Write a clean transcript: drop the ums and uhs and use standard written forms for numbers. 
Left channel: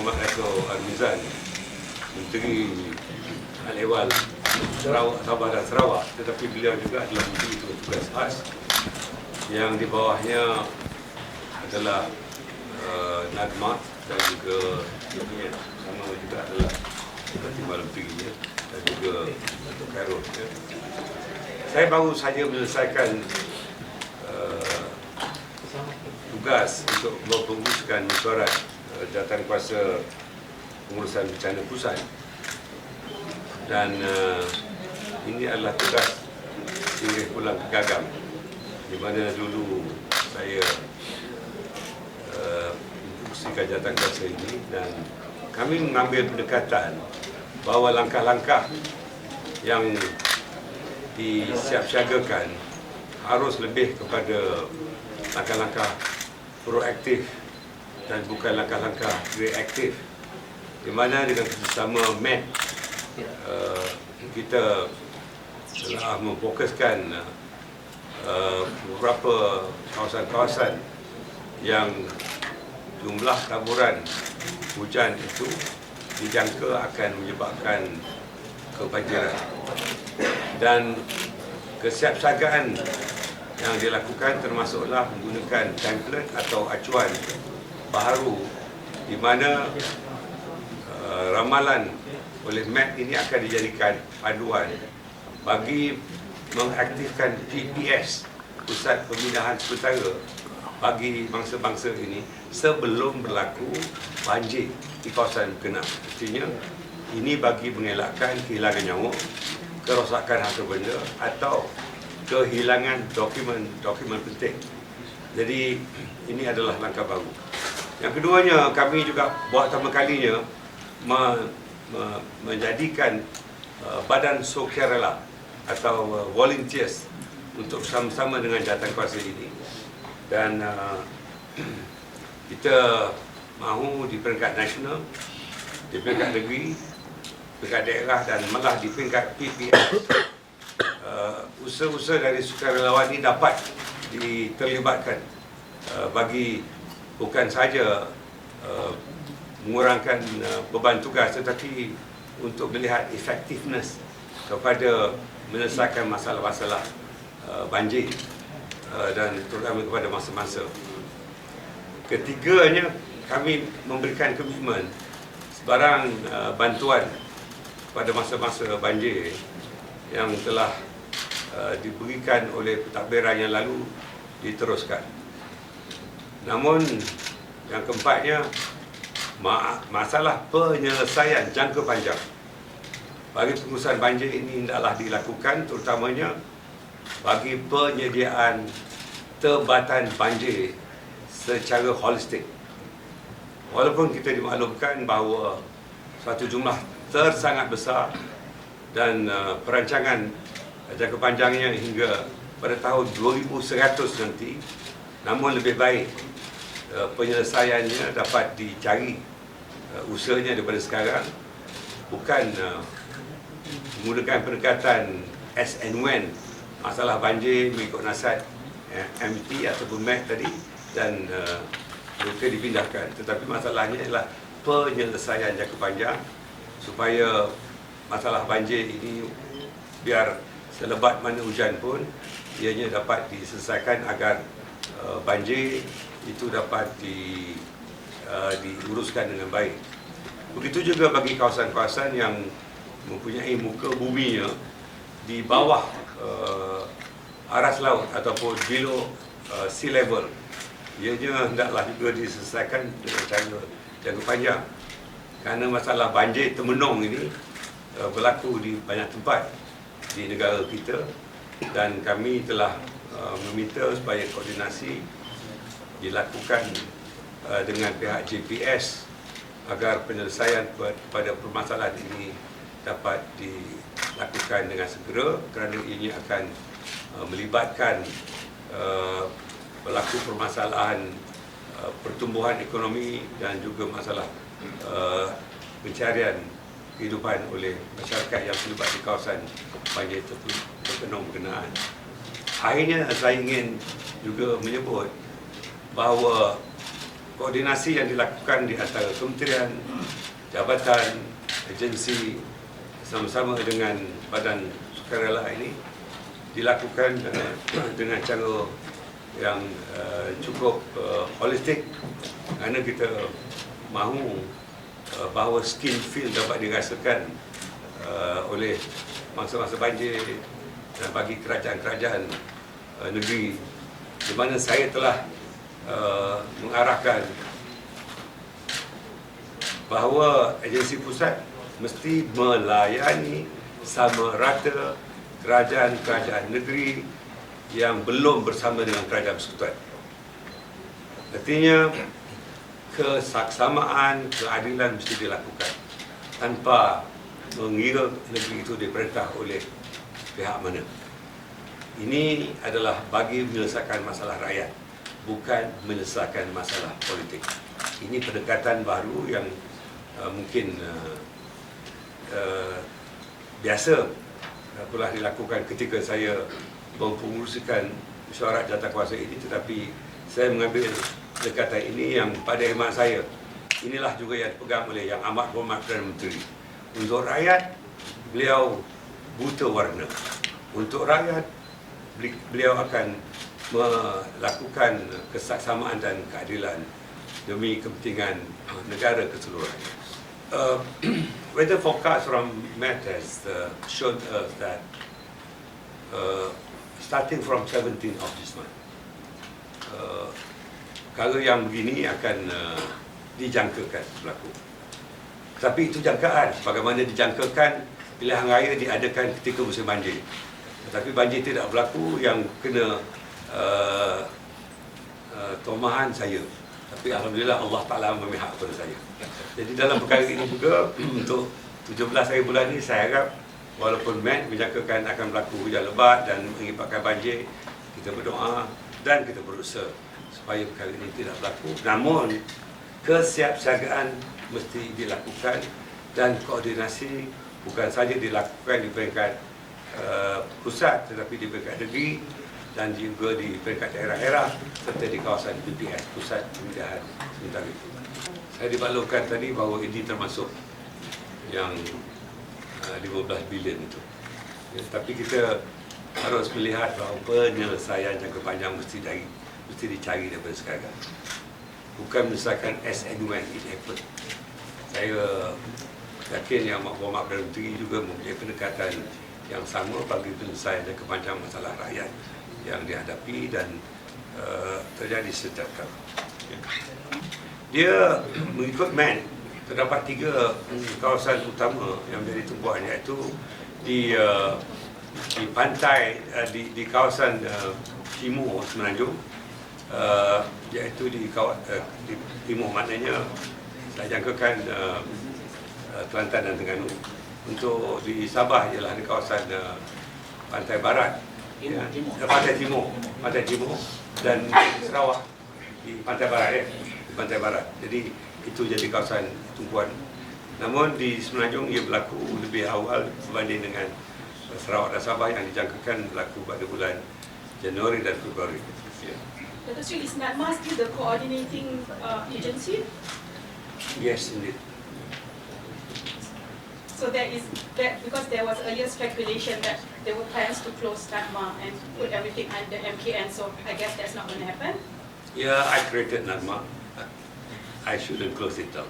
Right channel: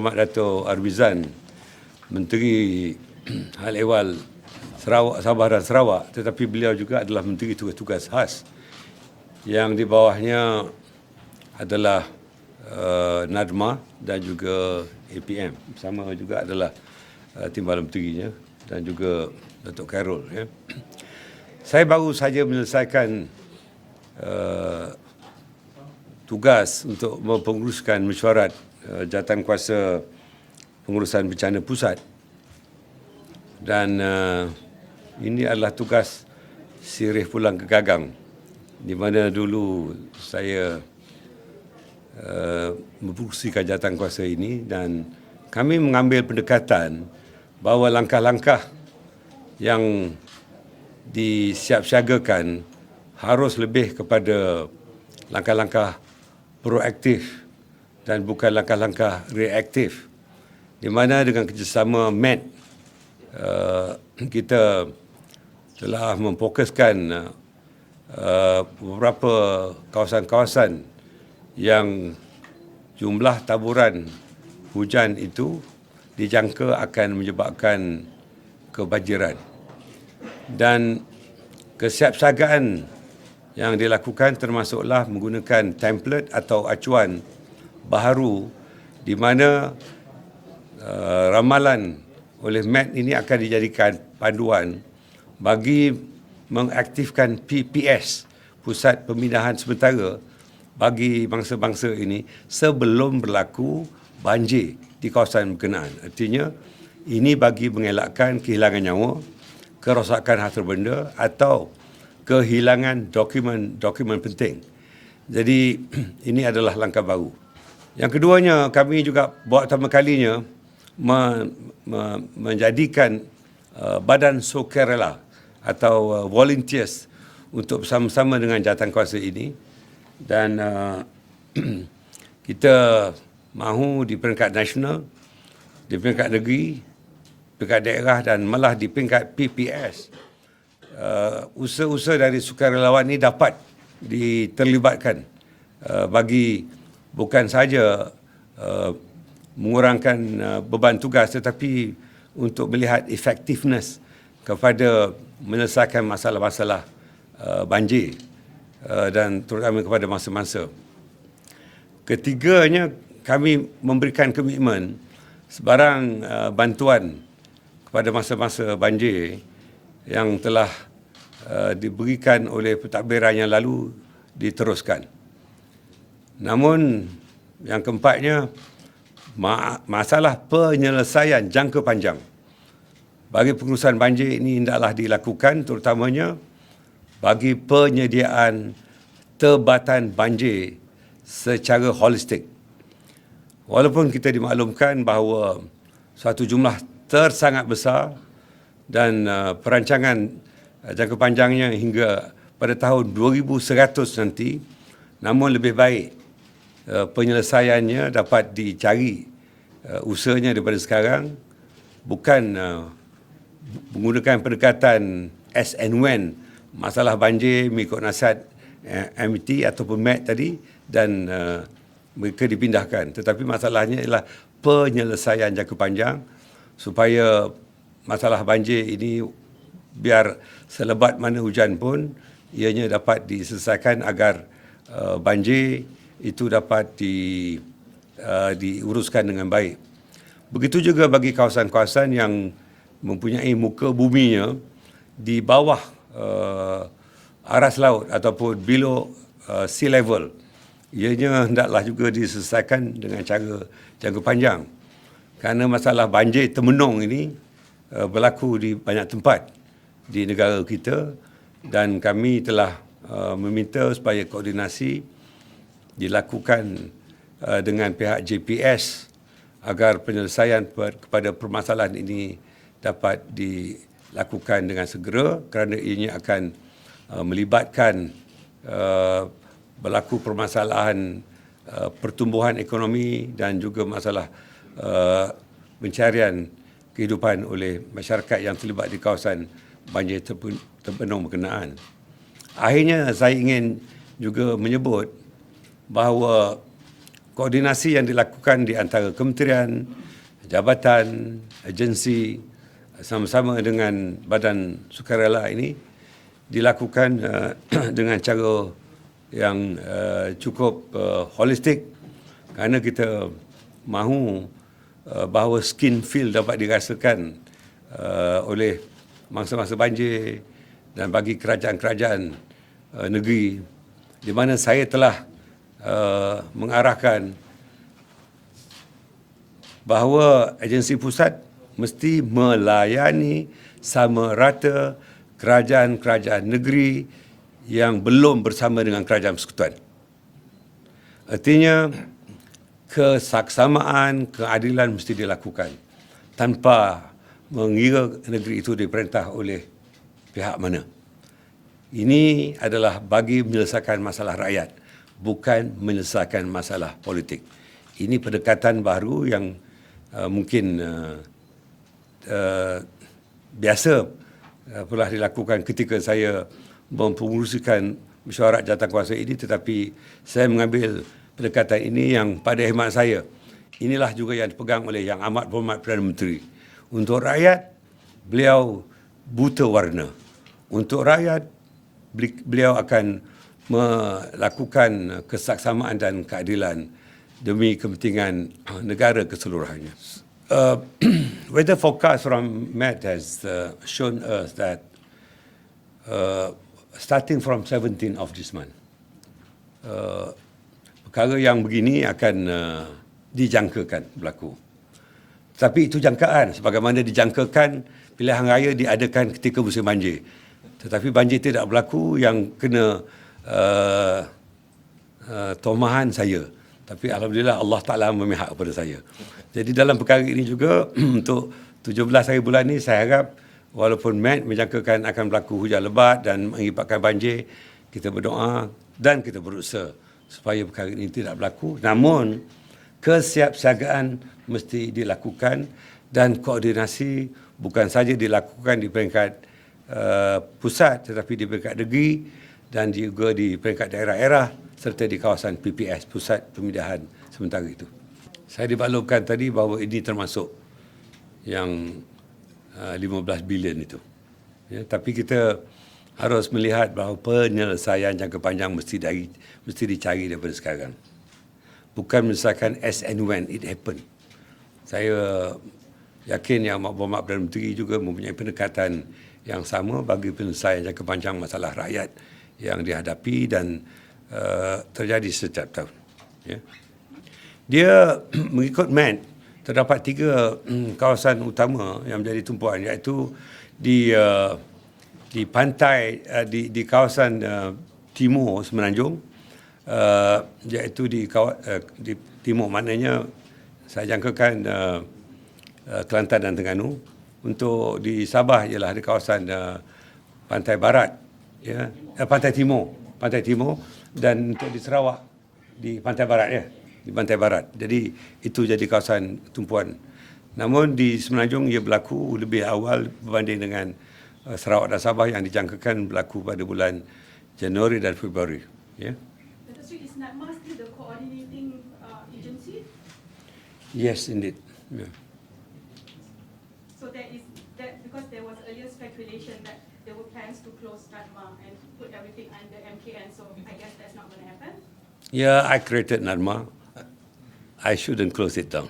Yang Dato' Armizan, Menteri Hal Ehwal Sarawak, Sabah dan Sarawak, tetapi beliau juga adalah Menteri Tugas-Tugas Khas. Yang di bawahnya adalah Nadma dan juga DPN. Sama juga adalah Timbalan Menterinya dan juga Datuk Khairul. Ya. Saya baru saja menyelesaikan tugas untuk mempenguruskan mesyuarat jawatankuasa pengurusan bencana pusat, dan ini adalah tugas sirih pulang ke gagang, di mana dulu saya memfungsikan jawatankuasa ini, dan kami mengambil pendekatan bahawa langkah-langkah yang disiapsiagakan harus lebih kepada langkah-langkah proaktif dan bukan langkah-langkah reaktif, di mana dengan kerjasama MET kita telah memfokuskan beberapa kawasan-kawasan yang jumlah taburan hujan itu dijangka akan menyebabkan kebanjiran, dan kesiapsiagaan yang dilakukan termasuklah menggunakan template atau acuan baharu, di mana ramalan oleh MET ini akan dijadikan panduan bagi mengaktifkan PPS, Pusat Pemindahan Sementara, bagi bangsa-bangsa ini sebelum berlaku banjir di kawasan berkenaan. Artinya, ini bagi mengelakkan kehilangan nyawa, kerosakan harta benda atau kehilangan dokumen penting. Jadi ini adalah langkah baru. Yang keduanya, kami juga buat pertama kalinya menjadikan badan sukarela atau volunteers untuk bersama-sama dengan jawatankuasa ini, dan kita mahu di peringkat nasional, di peringkat negeri, peringkat daerah dan malah di peringkat PPS, usaha-usaha dari sukarelawan ini dapat diterlibatkan bagi bukan saja mengurangkan beban tugas, tetapi untuk melihat effectiveness kepada menyelesaikan masalah-masalah banjir dan terutama kepada masa-masa. Ketiganya, kami memberikan komitmen sebarang bantuan pada masa-masa banjir yang telah diberikan oleh pentadbiran yang lalu diteruskan. Namun yang keempatnya, masalah penyelesaian jangka panjang bagi pengurusan banjir ini hendaklah dilakukan, terutamanya bagi penyediaan tebatan banjir secara holistik. Walaupun kita dimaklumkan bahawa satu jumlah tersangat besar dan perancangan jangka panjangnya hingga pada tahun 2100 nanti, namun lebih baik penyelesaiannya dapat dicari usahanya daripada sekarang, bukan menggunakan pendekatan as and when masalah banjir mengikut nasihat MT ataupun MET tadi dan mereka dipindahkan, tetapi masalahnya ialah penyelesaian jangka panjang supaya masalah banjir ini biar selebat mana hujan pun ianya dapat diselesaikan agar banjir itu dapat diuruskan dengan baik. Begitu juga bagi kawasan-kawasan yang mempunyai muka buminya di bawah aras laut ataupun below sea level, ianya hendaklah juga diselesaikan dengan cara jangka panjang, kerana masalah banjir temenung ini berlaku di banyak tempat di negara kita, dan kami telah meminta supaya koordinasi dilakukan dengan pihak JPS agar penyelesaian kepada permasalahan ini dapat dilakukan dengan segera, kerana ini akan melibatkan berlaku permasalahan pertumbuhan ekonomi dan juga masalah pencarian kehidupan oleh masyarakat yang terlibat di kawasan banjir terpenuh berkenaan. Akhirnya saya ingin juga menyebut bahawa koordinasi yang dilakukan di antara kementerian, jabatan, agensi sama-sama dengan badan sukarela ini dilakukan dengan cara yang cukup holistik, kerana kita mahu bahawa skin feel dapat dirasakan oleh mangsa-mangsa banjir dan bagi kerajaan-kerajaan negeri, di mana saya telah mengarahkan bahawa agensi pusat mesti melayani sama rata kerajaan-kerajaan negeri yang belum bersama dengan kerajaan persekutuan. Artinya, kesaksamaan, keadilan mesti dilakukan tanpa mengira negeri itu diperintah oleh pihak mana. Ini adalah bagi menyelesaikan masalah rakyat, bukan menyelesaikan masalah politik. Ini pendekatan baru yang mungkin biasa pula dilakukan ketika saya mempengurusikan mesyuarat jawatankuasa ini, tetapi saya mengambil pendekatan ini yang pada khidmat saya. Inilah juga yang dipegang oleh Yang Amat Berhormat Perdana Menteri. Untuk rakyat, beliau buta warna. Untuk rakyat, beliau akan melakukan kesaksamaan dan keadilan demi kepentingan negara keseluruhannya. Weather forecast from Met has shown us that starting from 17th of this month, perkara yang begini akan dijangkakan berlaku. Tapi itu jangkaan, sebagaimana dijangkakan pilihan raya diadakan ketika musim banjir. Tetapi banjir tidak berlaku yang kena tomahan saya. Tapi Alhamdulillah Allah Ta'ala memihak kepada saya. Jadi dalam perkara ini juga untuk 17 hari bulan ini saya harap walaupun Met menjangkakan akan berlaku hujan lebat dan mengakibatkan banjir, kita berdoa dan kita berusaha supaya perkara ini tidak berlaku. Namun kesiapsiagaan mesti dilakukan dan koordinasi bukan saja dilakukan di peringkat pusat tetapi di peringkat negeri dan juga di peringkat daerah-daerah serta di kawasan PPS, Pusat Pemindahan Sementara itu. Saya dibalurkan tadi bahawa ini termasuk yang 15 bilion itu. Ya, tapi kita harus melihat bahawa penyelesaian jangka panjang mesti dicari daripada sekarang. Bukan menyelesaikan as and when it happen. Saya yakin Yang Amat Berhormat Perdana Menteri juga mempunyai pendekatan yang sama bagi penyelesaian jangka panjang masalah rakyat yang dihadapi dan terjadi setiap tahun. Ya. Dia mengikut Met, terdapat 3 kawasan utama yang menjadi tumpuan, iaitu di pantai, di kawasan timur Semenanjung, iaitu di timur, maknanya saya jangkakan Kelantan dan Terengganu. Untuk di Sabah ialah di kawasan pantai barat, ya, pantai timur, dan di Sarawak di pantai barat, di pantai barat. Jadi itu jadi kawasan tumpuan. Namun di Semenanjung ia berlaku lebih awal berbanding dengan Sarawak dan Sabah yang dijangkakan berlaku pada bulan Januari dan Februari. Ya. Dato' Sri, is NADMA still the coordinating agency? Yes, indeed. Yeah. So there is that, because there was earlier speculation that there were plans to close NADMA and put everything under MKN. So I guess that's not going to happen. Yeah, I created NADMA. I shouldn't close it down.